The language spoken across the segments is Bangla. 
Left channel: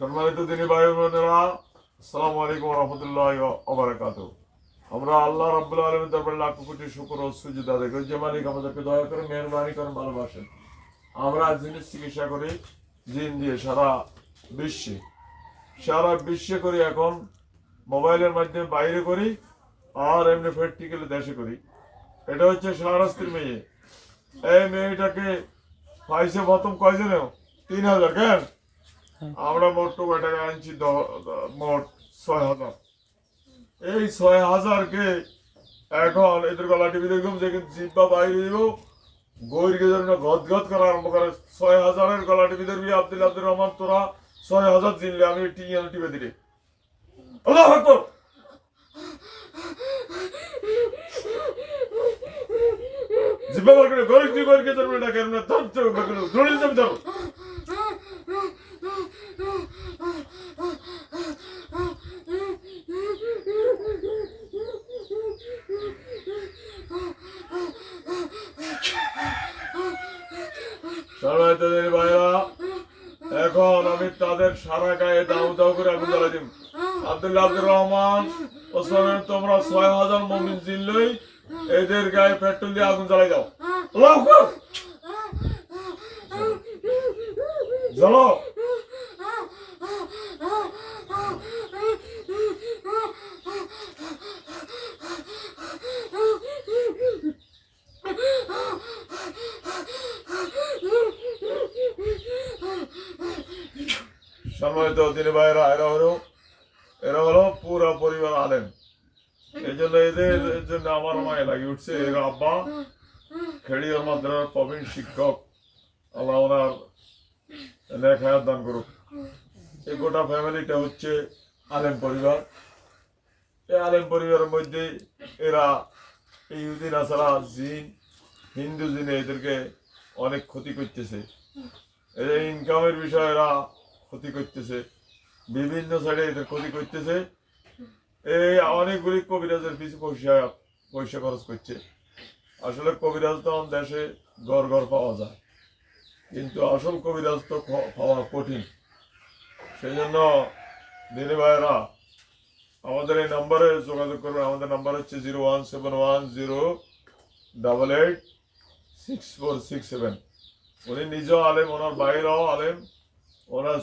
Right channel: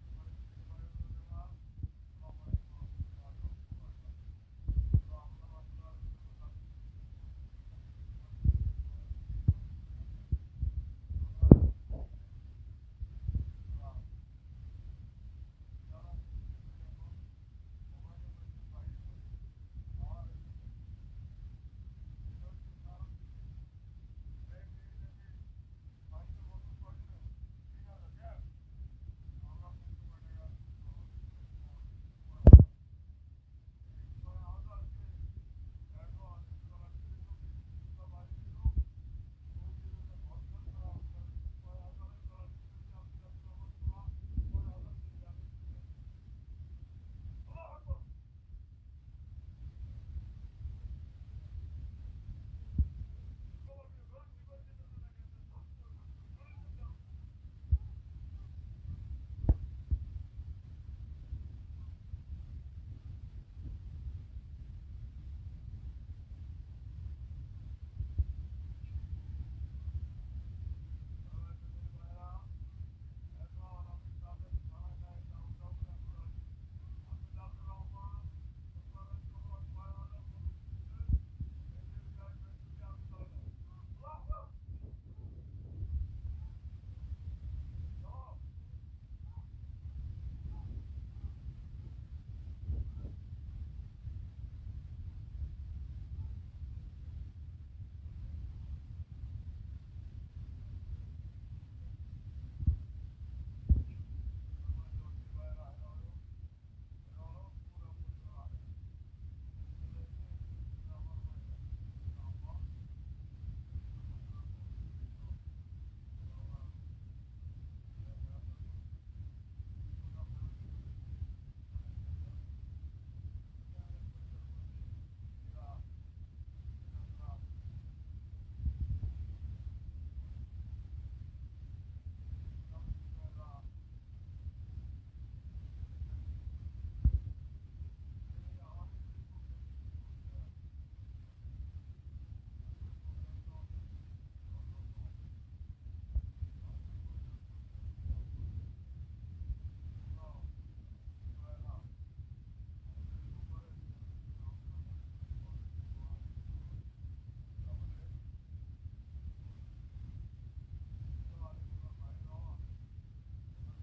সম্মানিত দিনী ভাই বোনেরা, আসসালামু আলাইকুম ওয়া রাহমাতুল্লাহি ওয়া বারাকাতুহু। আমরা আল্লাহ রাব্বুল আলামিনের দরবারে লাখ কোটি শুকর ও সুজুদ আদায় করি যে মালিক আমাদেরকে দয়া করে মেহেরবানি করেন, ভালোবাসেন। আমরা জিনিস চিকিৎসা করি জিন দিয়ে সারা বিশ্বে করি, এখন মোবাইলের মাধ্যমে বাইরে করি, আর এমনি প্র্যাকটিক্যালি দেশে করি। এটা হচ্ছে শাহরাস্তির মেয়ে। এই মেয়েটাকে পাইছে প্রথম কয়জনেও 3,000 কেন আমরা মোট টাকা আনছি মোট 6,000। এই 6,000-কে এখন এদের গলা টিভি দেখুন যে জিব্বা বাইরে দিব গরিকে জন্য গদগদ করা আরম্ভ করে। 6,000-এর গলা টিভি ধরবি আব্দুল রহমান, তোরা 6,000 জিনলে আমি টিভি দিলে আল্লাহু আকবার। জিব্বা বার করে গরিকে ধরবি না কেন ধরে ধরো। এখন আমি তাদের সারা গায়ে দাউ দাউ করে আগুন জ্বালাই দিব। আব্দুর রহমান ওসমানের তোমরা 6,000 মুমিন জিনলই এদের গায়ে পেট্রোল দিয়ে আগুন জ্বালাই দাও। আল্লাহু আকবার। জ্বালাও। সম্মানিত দিনী ভাইরা, এরা হলো পুরো পরিবার আলেম। এই জন্য এদের জন্য আমার মায়ে লাগিয়ে উঠছে। এর আব্বা খেড়িয়ার মাদ্রাসার প্রবীণ শিক্ষক, আল্লাহ ওনার নেক হায়াত দান করুক। এই গোটা ফ্যামিলিটা হচ্ছে আলেম পরিবার। এই আলেম পরিবারের মধ্যে এরা ইহুদি নাসারা জিন, হিন্দু জিনে এদেরকে অনেক ক্ষতি করতেছে। এই ইনকামের বিষয়ে এরা ক্ষতি করতেছে, বিভিন্ন সাইডে এদের ক্ষতি করতেছে। এই অনেকগুলি কবিরাজের পিছু পয়সা খরচ করছে। আসলে কবিরাজ তো দেশে ঘর ঘর পাওয়া যায়, কিন্তু আসল কবিরাজ তো পাওয়া কঠিন। সেই জন্য দিনী ভাইয়েরা আমাদের এই নম্বরে যোগাযোগ করবেন। আমাদের নাম্বার হচ্ছে 01710886467। উনি নিজেও আলেম, ওনার ভাইরাও আলেম, ওনার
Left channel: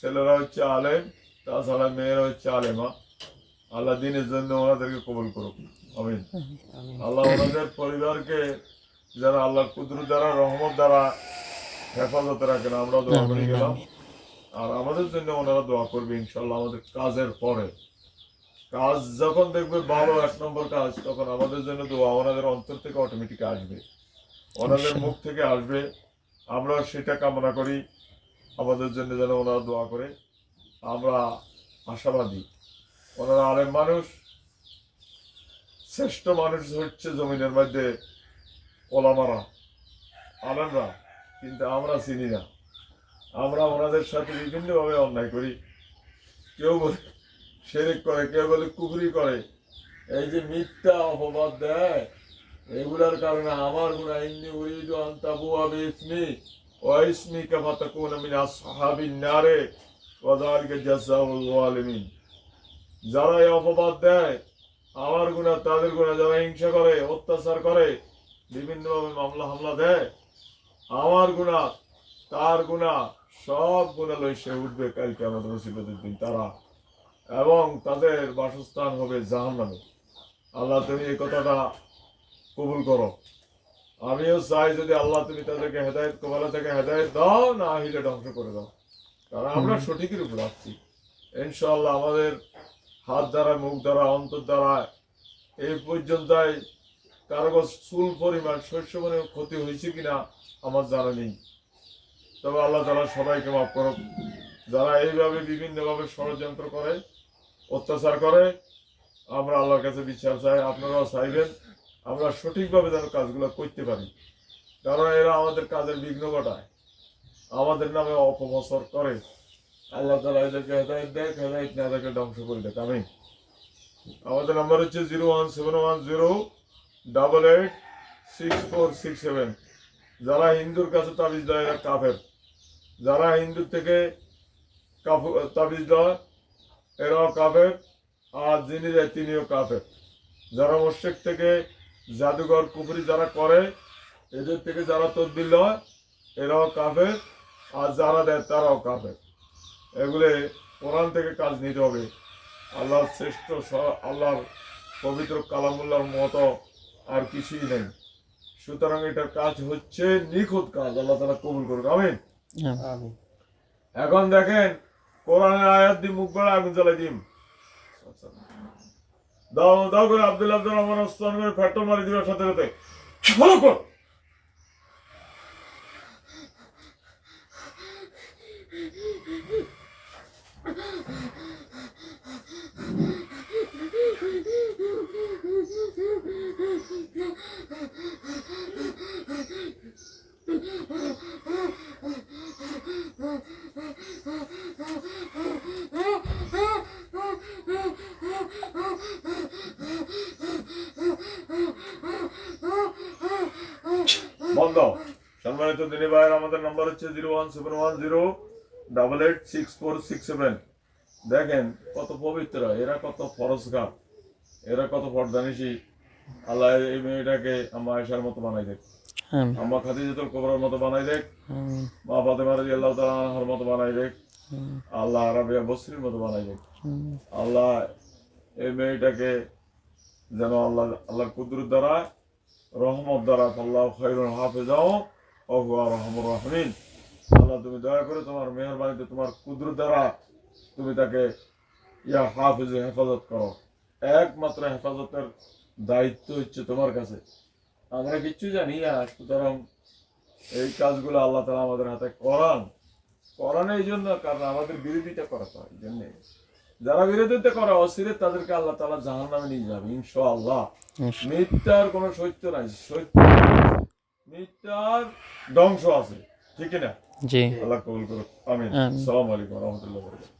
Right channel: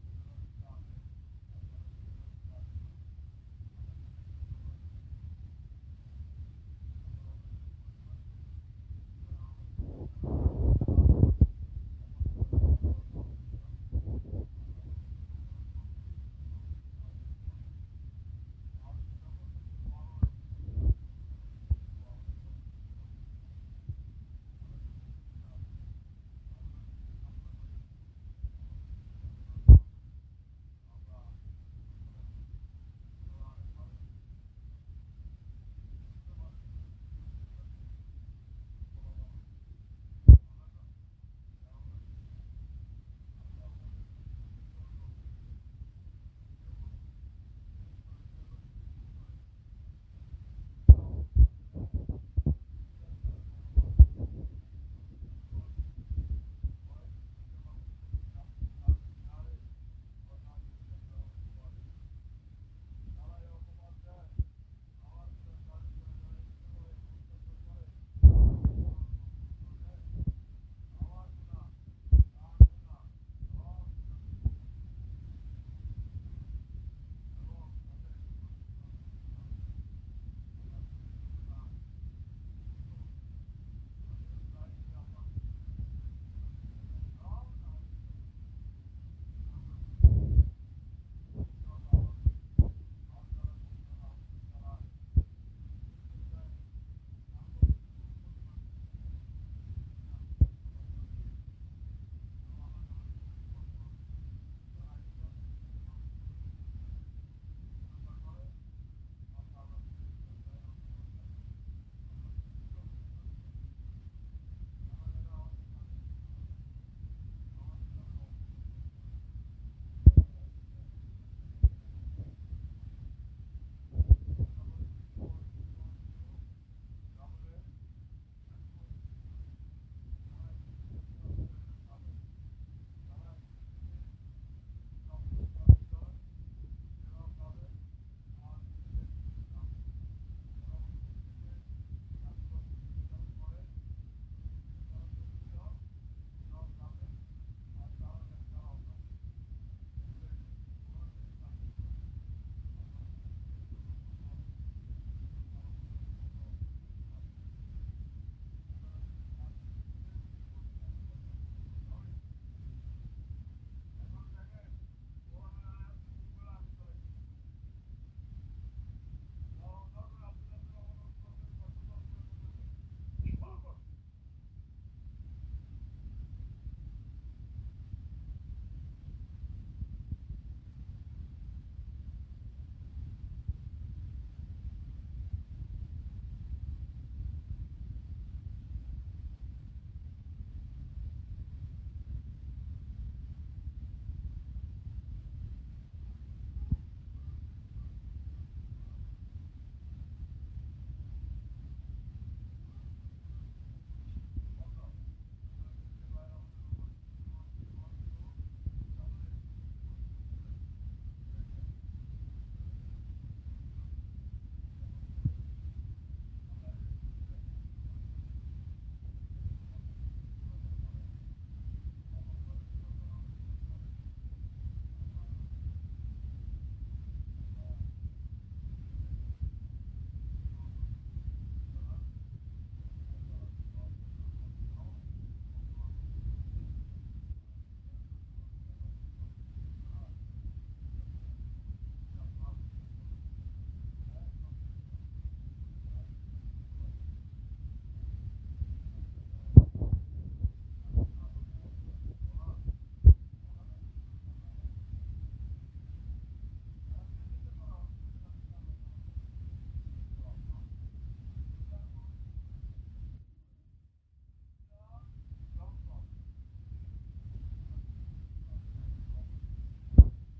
ছেলেরা হচ্ছে আলেম, তাছাড়া মেয়েরা হচ্ছে আলেমা। আল্লাহ দিনের জন্য ওনাদেরকে কবুল করুক, আমিন। আল্লাহ ওনাদের পরিবারকে যারা আল্লাহর কুদরত দ্বারা, রহমত দ্বারা হেফাজতে রাখেন, আমরা দোয়া করে গেলাম। আর আমাদের জন্য ওনারা দোয়া করবে ইনশাল্লাহ। আমাদের কাজের পরে কাজ যখন দেখবে ভালো 1 নম্বর কাজ, তখন আমাদের জন্য দোয়া ওনাদের অন্তর থেকে অটোমেটিক আসবে, ওনাদের মুখ থেকে আসবে। আমরা সেটা কামনা করি আমাদের জন্য যেন ওনারা দোয়া করে। আমরা আশাবাদী। ওনারা আলেম মানুষ, শ্রেষ্ঠ মানুষ হচ্ছে জমিনের মধ্যে ওলামারা, আলেমরা, কিন্তু আমরা চিনি না। আমরা ওনাদের সাথে বিভিন্নভাবে অন্যায় করি। কেউ বলে শিরক করে, কেউ বলে কুফরি করে। এই যে মিথ্যা অপবাদ দেয়, এগুলার কারণে আমার গুনাহ। ইন্নী উরিদু আন তাবুয়া বিইসমি ওয়া ইসমিকা ফাতাকুনা মিন আসহাবিন নারে ওয়া যালিকা জাযাউল যালিমিন। যারা এই অপবাদ দেয় আমার গুনাহ, তাদের গুনাহ। যারা হিংসা করে, অত্যাচার করে, বিভিন্নভাবে মামলা হামলা দেয়, আমার গুনাহ তার গুনাহ সব গুনাহ লই সে উঠবে কাল কিয়ামতের মুসিবতের দিন তারা, এবং তাদের বাসস্থান হবে জাহান্নামে। আল্লাহ তুমি এই কথাটা কবুল করো। আমিও চাই যদি আল্লাহ তুমি তাদেরকে হেদায়েত, কবলা থেকে হেদায়েত দাও, না হইলে ধ্বংস করে দাও। কারণ আমরা সঠিকের উপর আছি ইনশাআল্লাহ। আমাদের হাত দ্বারা, মুখ দ্বারা, অন্তর দ্বারা এই পর্যন্তই কারো চুল পরিমাণ, শস্য পরিমাণ ক্ষতি হয়েছে কিনা আমার জানা নেই। তবে আল্লাহ তাআলা সবাইকে মাফ করুক। যারা এইভাবে বিভিন্নভাবে ষড়যন্ত্র করে, অত্যাচার করে, আমরা আল্লাহর কাছে বিচার চাই, আপনারাও চাইবেন আমরা সঠিকভাবে যেন কাজগুলো করতে পারি। কারণ এরা আমাদের কাজের বিঘ্ন ঘটায়, আমাদের নামে অপপ্রচার করে। আল্লাহ তাআলা এদেরকে হেদায়েত দেয়, হেদায়েত না দেখে ধ্বংস করে দেয়, আমিন। আমাদের নাম্বার হচ্ছে 01710886467। যারা হিন্দুর কাছে তাবিজ দেয় এরা কাফের। যারা হিন্দুর থেকে তাবিজ দেওয়া এরাও কাফের, আর যিনি দেয় তিনিও কাফের। যারা মুশরিক থেকে জাদুঘর কুফরি যারা করে, এদের থেকে যারা তদবির লয় এরাও কাফের, আর যারা দেয় তারাও কাফের। এগুলো কোরআন থেকে কাজ নিতে হবে। আল্লাহর শ্রেষ্ঠ আল্লাহর পবিত্র কালামুল্লাহর মতো আর কিছুই নেই। সুতরাং এটার কাজ হচ্ছে নিখুঁত কাজ। আল্লাহ তাআলা কবুল করুন, আমিন। আমিন। এখন দেখেন কোরআনের আয়াত দিয়ে মুখ বেড়া আগুন জ্বালাই দিম। দাও দাও করে আব্দুল রহমান ওসমান করে পেট্রোল মারি দিবার সাথে সাথে ফলো কর। বন্ধ। সম্মানিত দিনী ভাইয়ের, আমাদের নাম্বার হচ্ছে 01710886467। দেখেন কত পবিত্র এরা, কত ফরজগার এরা, কত পর্দানিশী। আল্লাহ এই মেয়েটাকে আম্মা আয়েশার মতো বানাই দেখ, আম্মা খাদিজাতুল কুবরার মতো বানাই দেখ, মা ফাতেমা রাদিয়াল্লাহু তাআলা আনহার মতো বানাই দেখ, আল্লাহ রাবিয়া বসরির মতো বানাই দেখ। আল্লাহ এই মেয়েটাকে যেন আল্লাহর কুদরত দ্বারা, রহমত দ্বারা, আল্লাহ খায়রুল হাফেজাও ওয়া হুয়া আরহামুর রাহিমিন। আল্লাহ তুমি দয়া করে তোমার মেহেরবানিতে, তোমার কুদরত দ্বারা তুমি তাকে ইয়া হাফেজ হেফাজত করো। একমাত্র হেফাজতের দায়িত্ব হচ্ছে তোমার কাছে, আমরা কিচ্ছু জানি না। সুতরাং এই কাজগুলো আল্লাহ তাআলা আমাদের হাতে করান এই জন্য, কারণ আমাদের বিরোধিতা করা হয়। এই জন্য যারা বিরোধিতা করে অস্থির, তাদেরকে আল্লাহ তাআলা জাহান্নামে নিয়ে যাবে ইনশাআল্লাহ। মিথ্যার কোনো সত্য নাই, সত্য মিথ্যার ধ্বংস আছে, ঠিক না? জি। আল্লাহ কবুল করুন, আমিন। আমিন। আসসালামু আলাইকুম ওয়া রাহমাতুল্লাহি ওয়া বারাকাতুহু।